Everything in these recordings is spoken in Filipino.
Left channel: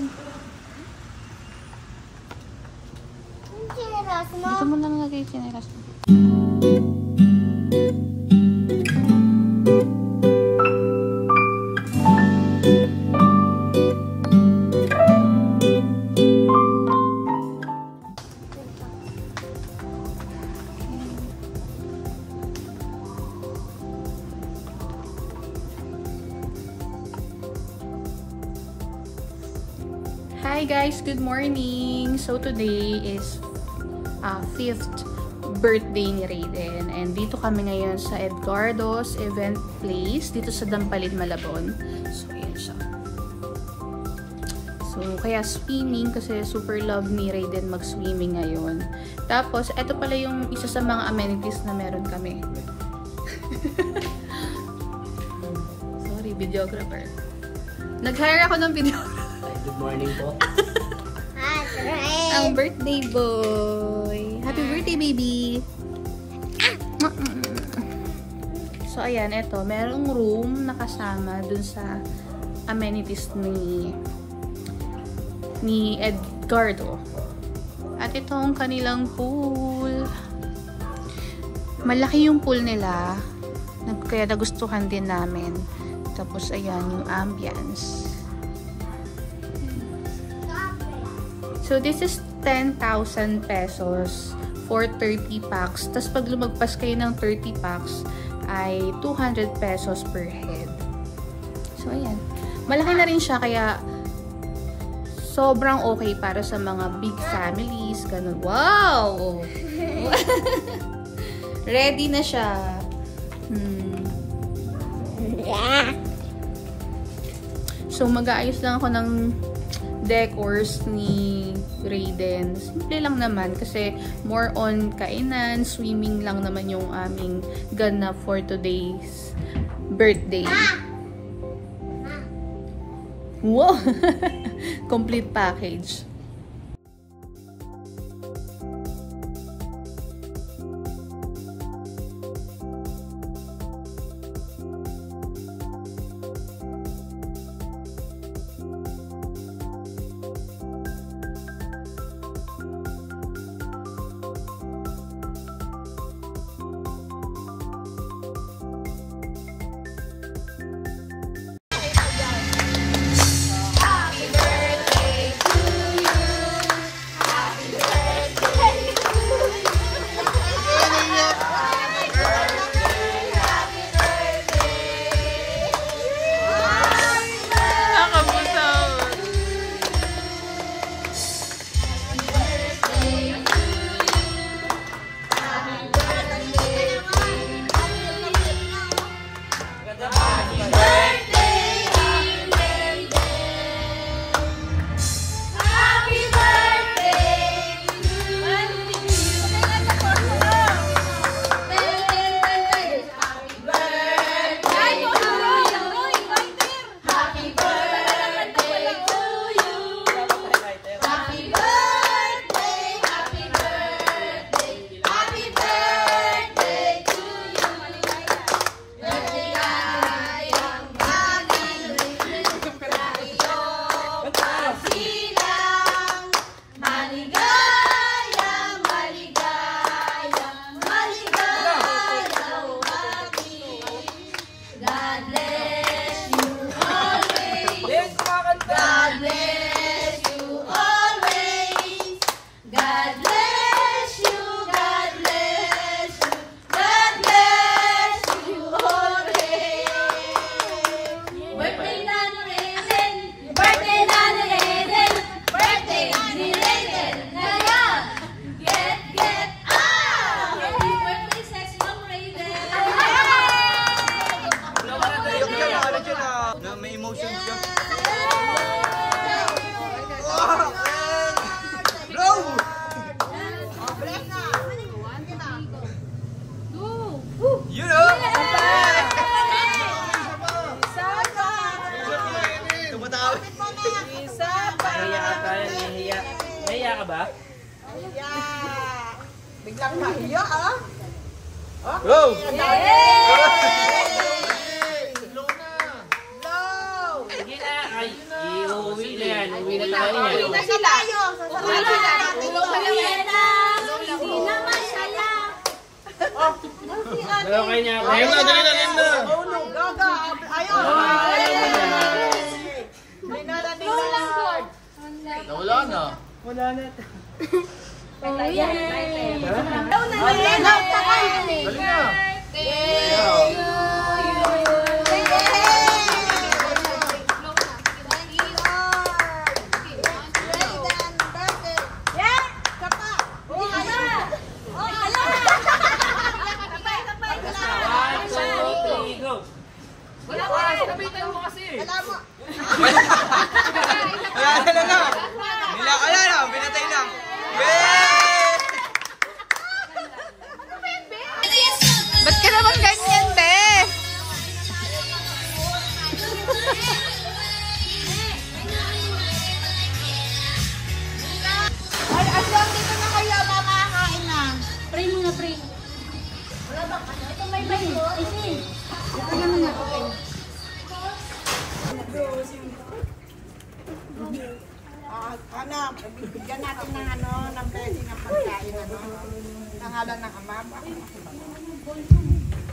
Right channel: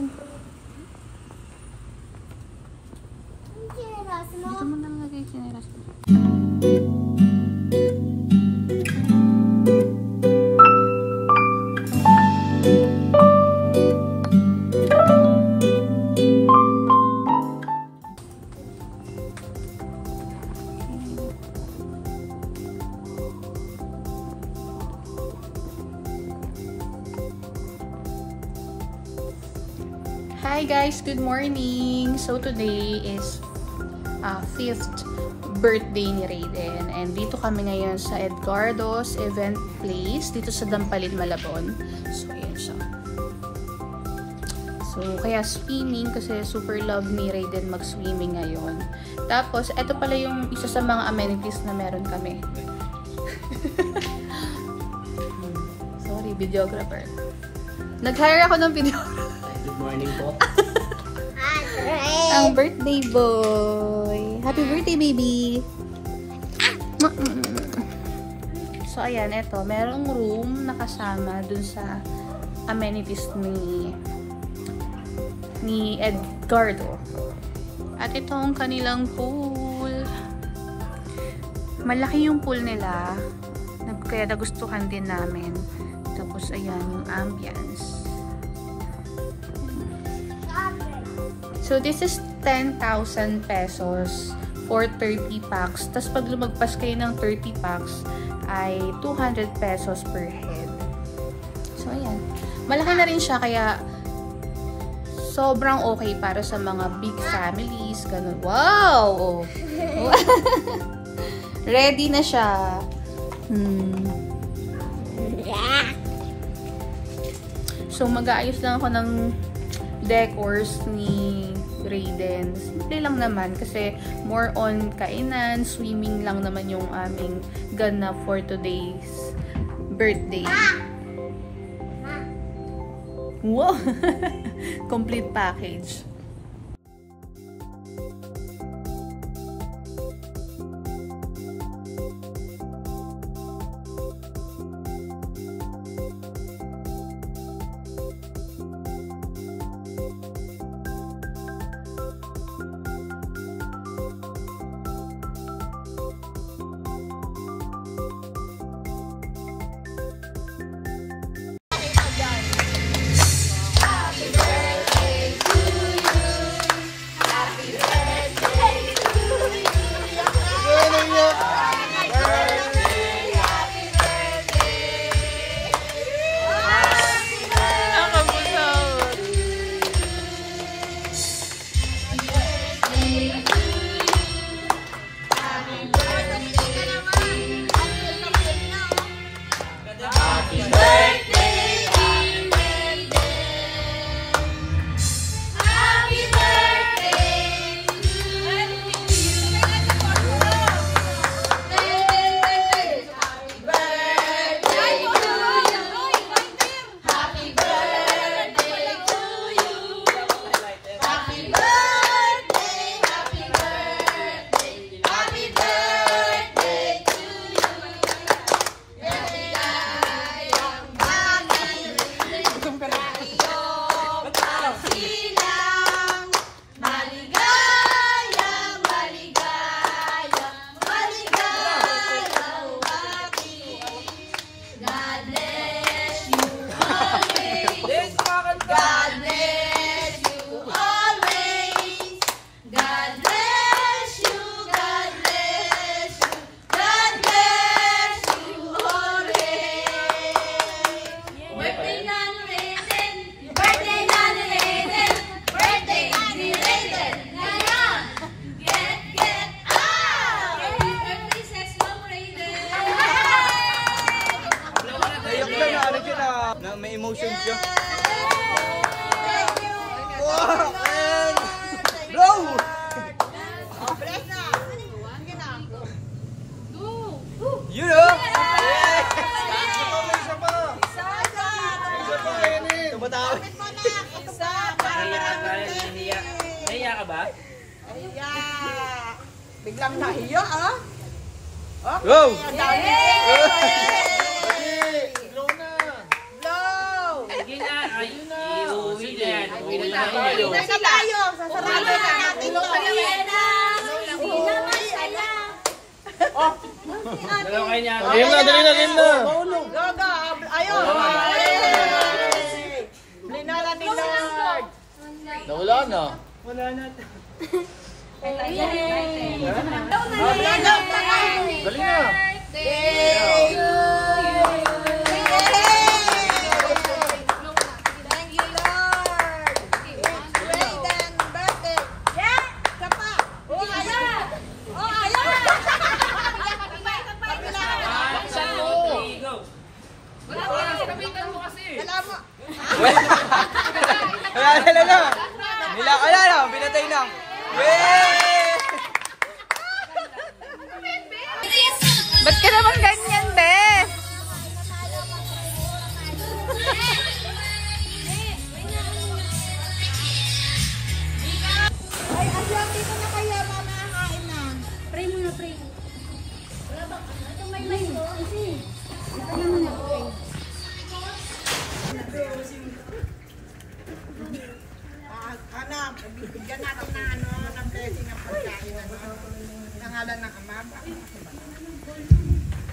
yan. Dito mo lang lagay yung chinelas mo. Hi guys, good morning! So today is 5th birthday ni Raiden and dito kami ngayon sa Edgardo's Event Place dito sa Dampalin, Malabon. So ayan siya. So kaya swimming kasi super love ni Raiden mag-swimming ngayon. Tapos ito pala yung isa sa mga amenities na meron kami. Sorry, videographer. Nag-hire ako ng videographer. Good morning po. Ang birthday boy. Happy birthday, baby. So, ayan, ito. Merong room na kasama dun sa amenities ni Edgardo. At ito ang kanilang pool. Malaki yung pool nila. Kaya nagustuhan din namin. Tapos, ayan, yung ambience. So, this is 10,000 pesos for 30 packs. Tapos, pag lumagpas kayo ng 30 packs, ay 200 pesos per head. So, ayan. Malaki na rin siya, kaya sobrang okay para sa mga big families. Ganun. Wow! Ready na siya. So, mag-aayos lang ako ng decors ni Raiden. Simple lang naman kasi more on kainan, swimming lang naman yung aming gana for today's birthday. Wow! Complete package. Nahiya ka ba? Nahiya. Biglang nahiya, ah. Go! Blow! Sige na. Ay, Uuwi na yan. Uwi na tayo yan. Uwi na sila. Uwi na sila. Ilong ka na yan. Hindi naman saya. Dalaw kayo niya ako. Lindo. Go. Ayun. Linarating na lang. Wala na. Wala na. Galing na. Binatay na. Ba't ka naman ganyan, be? Ay, asyong dito na kayo, mamakain na. Pray muna, pray. Ito may may. Ito na muna. Bigyan natin ng ng blessing ng pagkain. Nangalan ng Ama.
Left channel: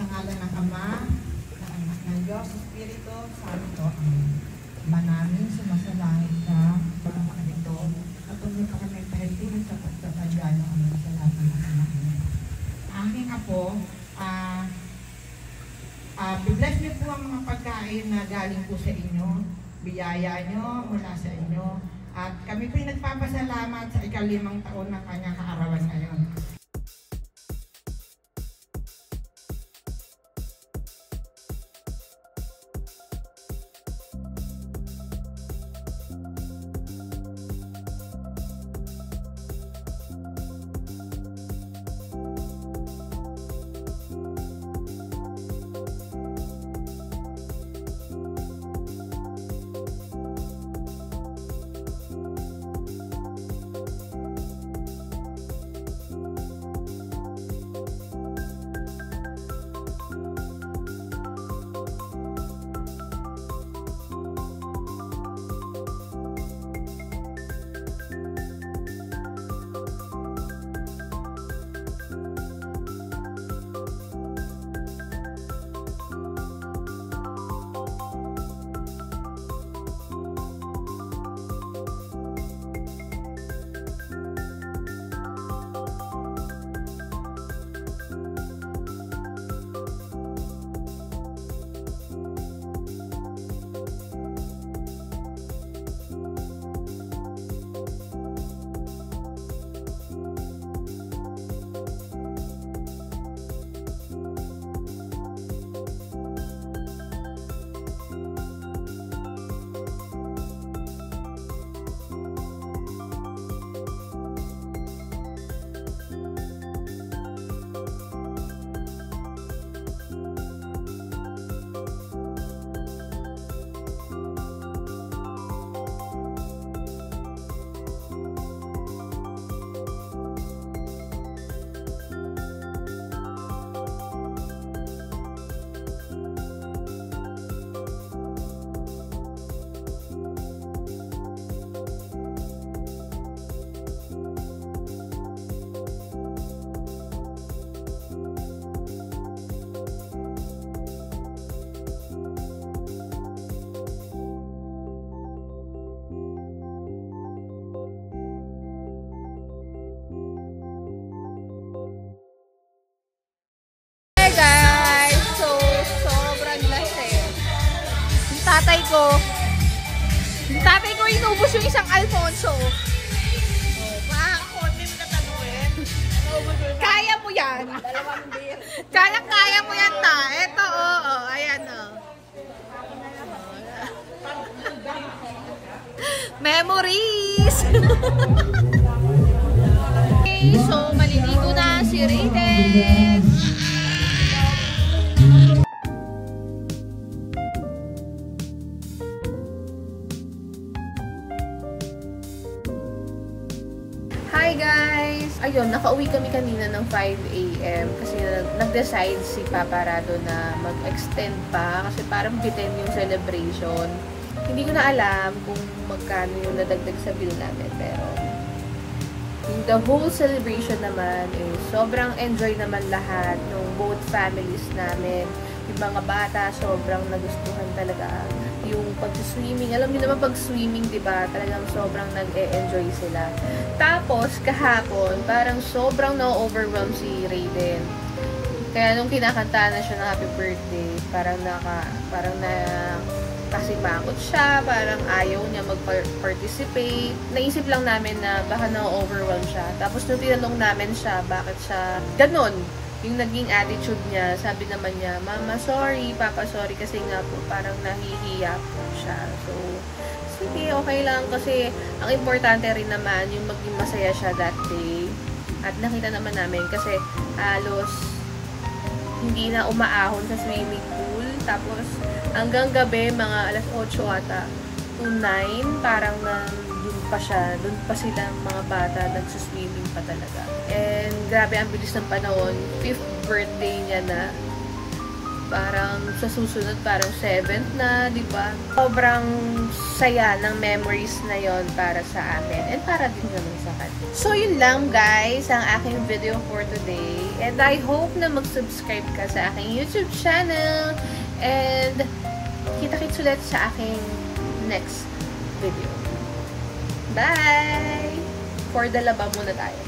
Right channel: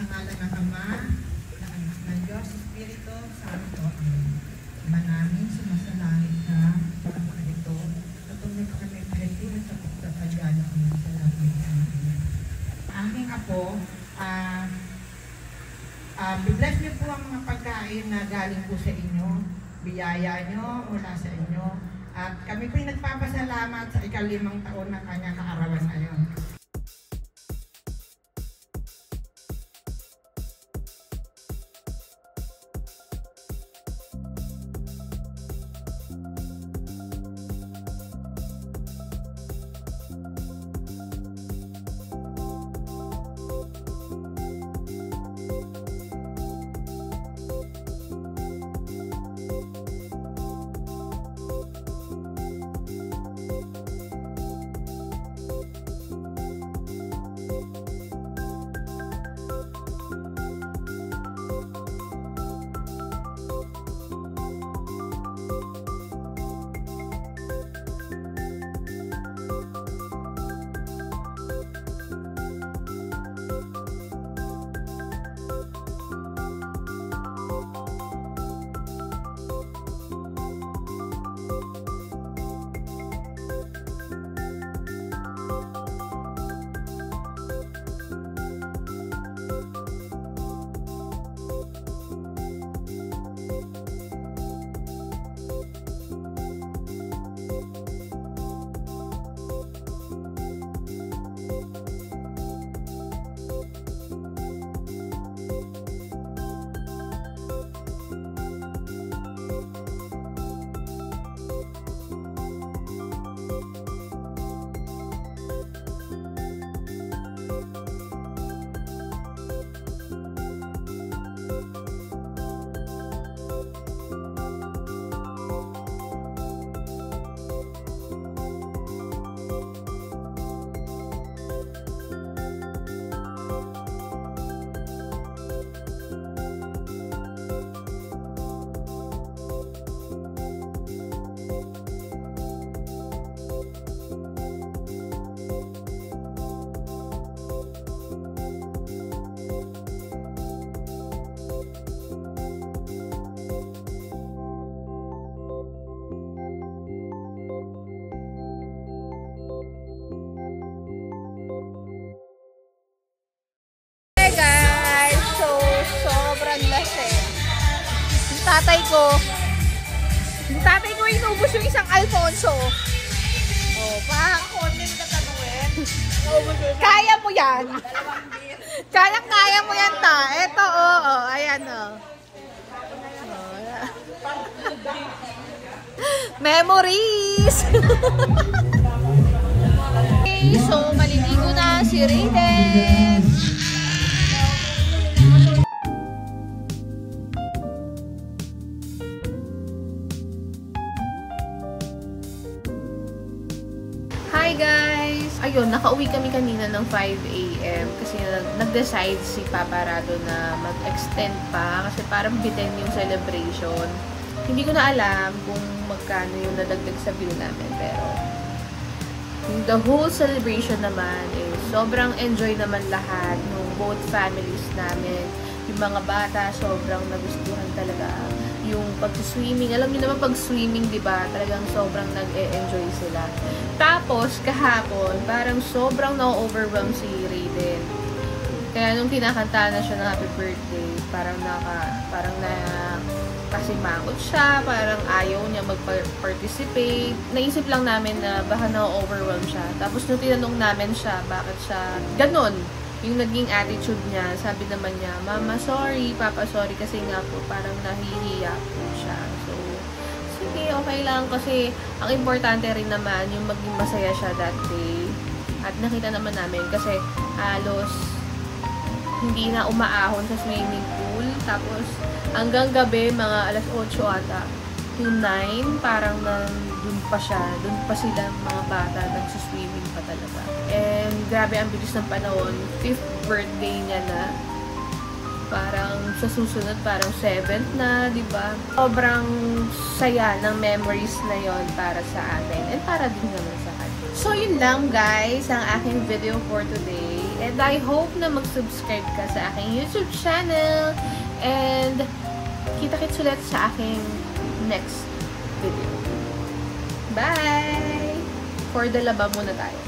Nangalan ng Ama, ng Anak ng Diyos, Espiritu, Santo. Manamin, sumasalangit ka, pagkakas ito, at umay ka kami kahit din sa pagkakadyano ang salamat ng Ama. Aking Apo, bless niyo po ang mga pagkain na galing po sa inyo, biyaya niyo mula sa inyo. At kami po'y nagpapasalamat sa ika-5 taon ng kanyang kaarawan ngayon. Yung tatay ko inubos yung isang Alfonso. Ako, hindi mo tatanungin. Kaya mo yan. Kaya mo yan ta. Eto, oo. Ayan, o. Memories! Okay, so maliligo na si Raiden. Hi guys! Ayun, nakauwi kami kanina ng 5 AM kasi nag-decide si Papa Rado na mag-extend pa kasi parang bitin yung celebration. Hindi ko na alam kung magkano yung nadagdag sa bill namin, pero yung the whole celebration naman is sobrang enjoy naman lahat nung both families namin. Yung mga bata, sobrang nagustuhan talaga yung pag-swimming. Alam niyo naman pag swimming, di ba? Talagang sobrang nag-e-enjoy sila. Tapos, kahapon, parang sobrang na-overwhelm si Raiden. Kaya nung kinakanta na siya ng happy birthday, parang kasimangot siya, parang ayaw niya mag-participate. Naisip lang namin na baka na-overwhelm siya. Tapos nung tinanong namin siya, bakit siya ganon, yung naging attitude niya, sabi naman niya, Mama, sorry, Papa, sorry, kasi nga po, parang nahihiya po siya. So, sige, okay lang, kasi ang importante rin naman, yung maging masaya siya that day. At nakita naman namin, kasi halos hindi na umaahon sa swimming pool. Tapos, hanggang gabi, mga alas 8 ata, to 9, parang dun pa sila mga bata, nagsuswimming pa talaga. And, grabe, ang bilis ng panahon. 5th birthday niya na. Parang sa susunod, parang 7th na, diba? Sobrang saya ng memories na yon para sa amin. And para din naman sa kanya. So, yun lang guys, ang aking video for today. And I hope na mag-subscribe ka sa aking YouTube channel. And, kita-kits ulit sa aking next video. Bye! For the laba muna tayo.